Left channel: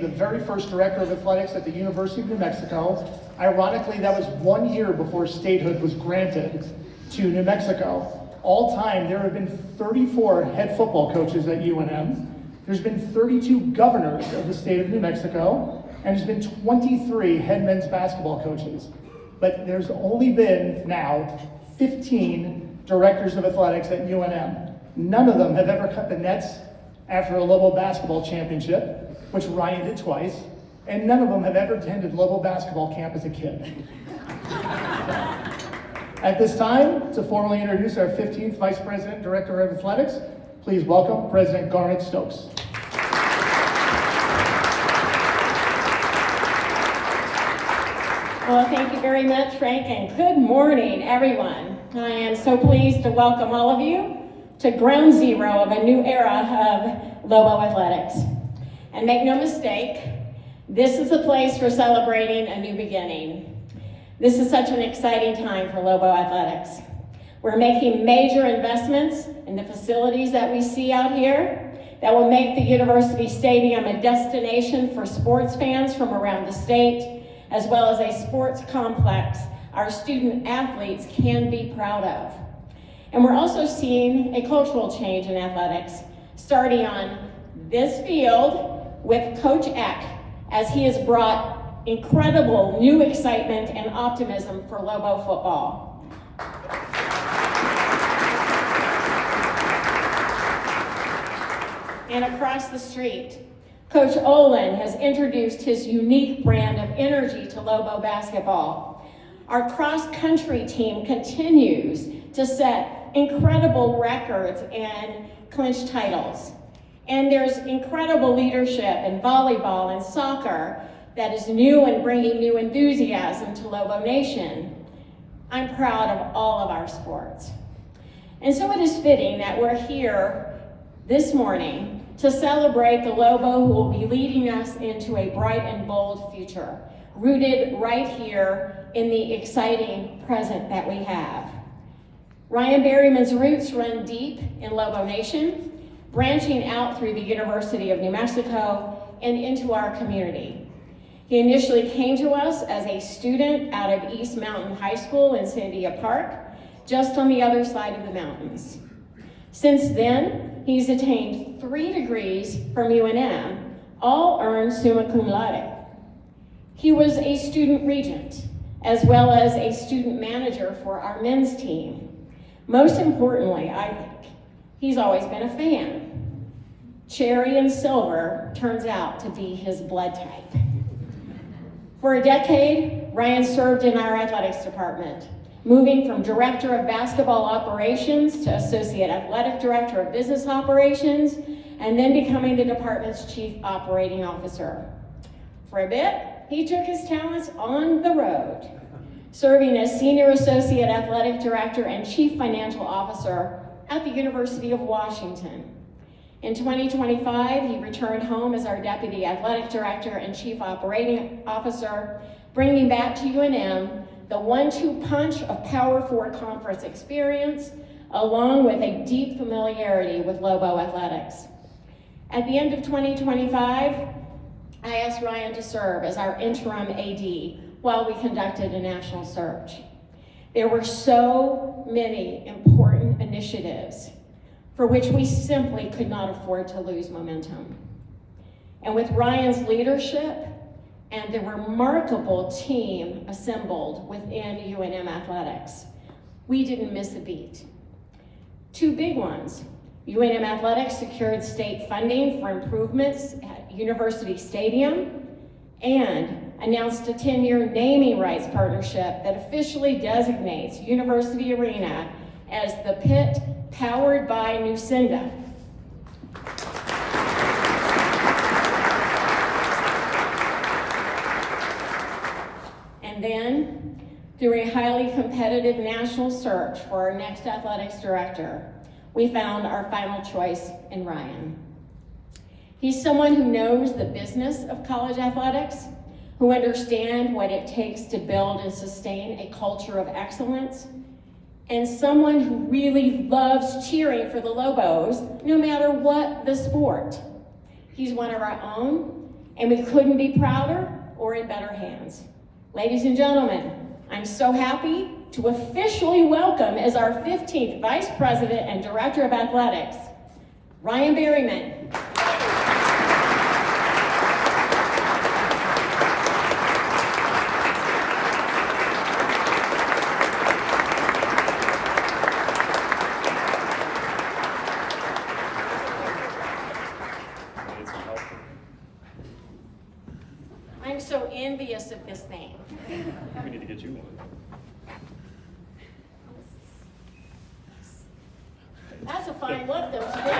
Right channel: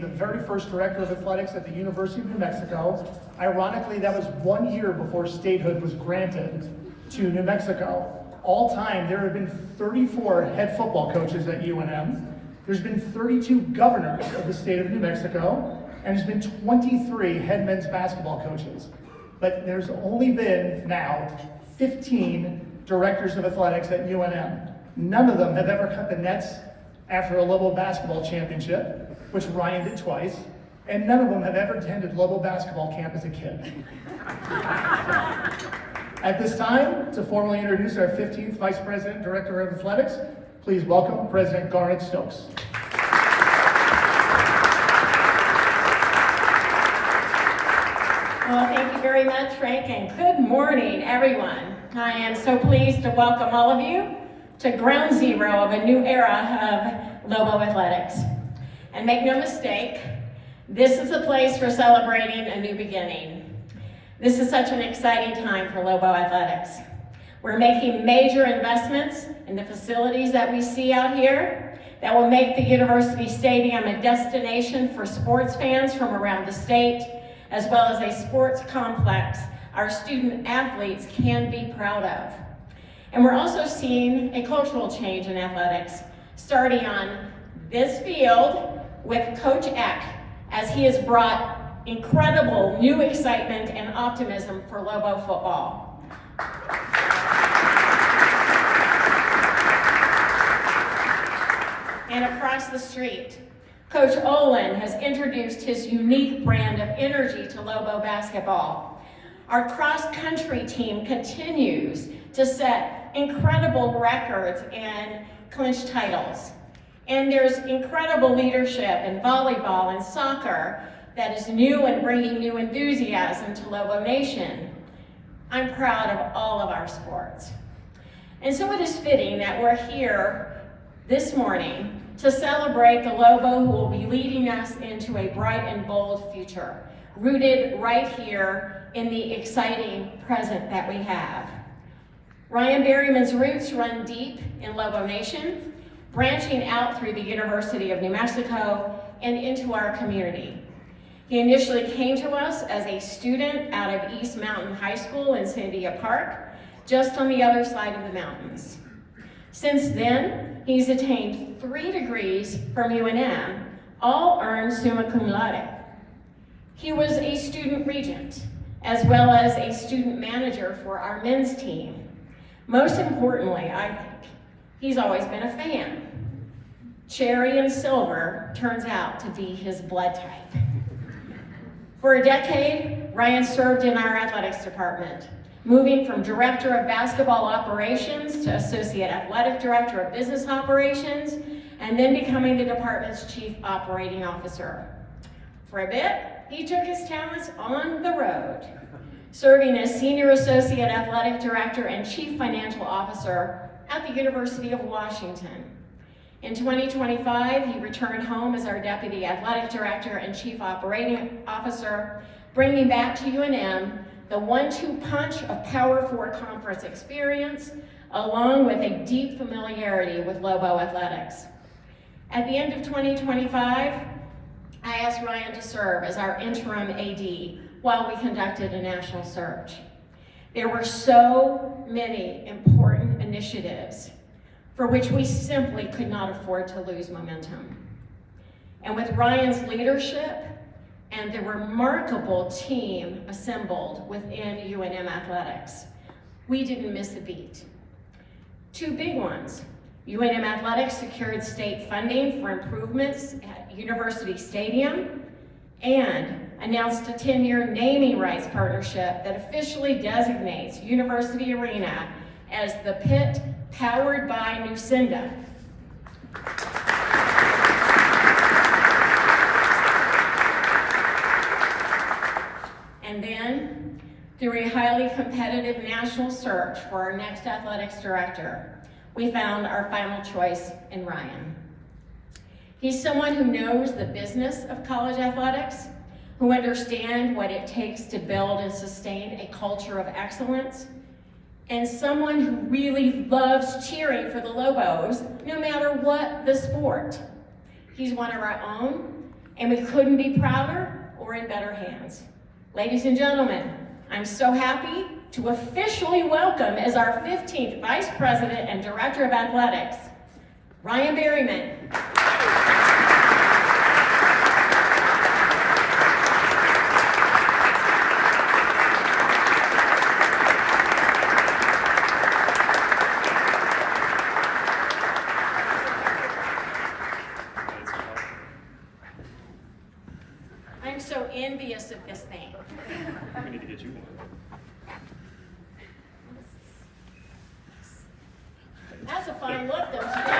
The very first director of athletics at the University of New Mexico. Ironically, that was 1 year before statehood was granted to New Mexico. All time, there have been 34 head football coaches at UNM. There's been 32 governors of the state of New Mexico, and there's been 23 head men's basketball coaches. But there's only been now 15 directors of athletics at UNM. None of them have ever cut the nets after a Lobo basketball championship, which Ryan did twice, and none of them have ever attended Lobo basketball camp as a kid. At this time, to formally introduce our 15th Vice President Director of Athletics, please welcome President Garnet Stokes. Well, thank you very much, Frank, and good morning, everyone. I am so pleased to welcome all of you to ground zero of a new era of Lobo athletics. And make no mistake, this is a place for celebrating a new beginning. This is such an exciting time for Lobo athletics. We're making major investments in the facilities that we see out here that will make the University Stadium a destination for sports fans from around the state, as well as a sports complex our student athletes can be proud of. And we're also seeing a cultural change in athletics, starting on this field with Coach Eck, as he has brought incredible new excitement and optimism for Lobo football. And across the street, Coach Olin has introduced his unique brand of energy to Lobo basketball. Our cross-country team continues to set incredible records and clinch titles. And there's incredible leadership in volleyball and soccer that is new and bringing new enthusiasm to Lobo Nation. I'm proud of all of our sports. And so it is fitting that we're here this morning to celebrate the Lobo who will be leading us into a bright and bold future, rooted right here in the exciting present that we have. Ryan Berryman's roots run deep in Lobo Nation, branching out through the University of New Mexico and into our community. He initially came to us as a student out of East Mountain High School in Sandia Park, just on the other side of the mountains. Since then, he's attained 3 degrees from UNM, all earned summa cum laude. He was a student regent, as well as a student manager for our men's team. Most importantly, I think, he's always been a fan. Cherry and silver turns out to be his blood type. For a decade, Ryan served in our athletics department, moving from Director of Basketball Operations to Associate Athletic Director of Business Operations, and then becoming the department's Chief Operating Officer. For a bit, he took his talents on the road, serving as Senior Associate Athletic Director and Chief Financial Officer at the University of Washington. In 2025, he returned home as our Deputy Athletic Director and Chief Operating Officer, bringing back to UNM the 1-2 punch of Power 4 conference experience, along with a deep familiarity with Lobo athletics. At the end of 2025, I asked Ryan to serve as our interim AD while we conducted a national search. There were so many important initiatives for which we simply could not afford to lose momentum. And with Ryan's leadership and the remarkable team assembled within UNM Athletics, we didn't miss a beat. 2 big ones. UNM Athletics secured state funding for improvements at University Stadium and announced a 10-year naming rights partnership that officially designates University Arena as the Pit powered by Nucinda. And then, through a highly competitive national search for our next athletics director, we found our final choice in Ryan. He's someone who knows the business of college athletics, who understands what it takes to build and sustain a culture of excellence, and someone who really loves cheering for the Lobos, no matter what the sport. He's one of our own, and we couldn't be prouder or in better hands. Ladies and gentlemen, I'm so happy to officially welcome as our 15th Vice President and Director of Athletics, Ryan Berryman. I'm so envious of this thing. We need to get you one. That's a fine look, though, today.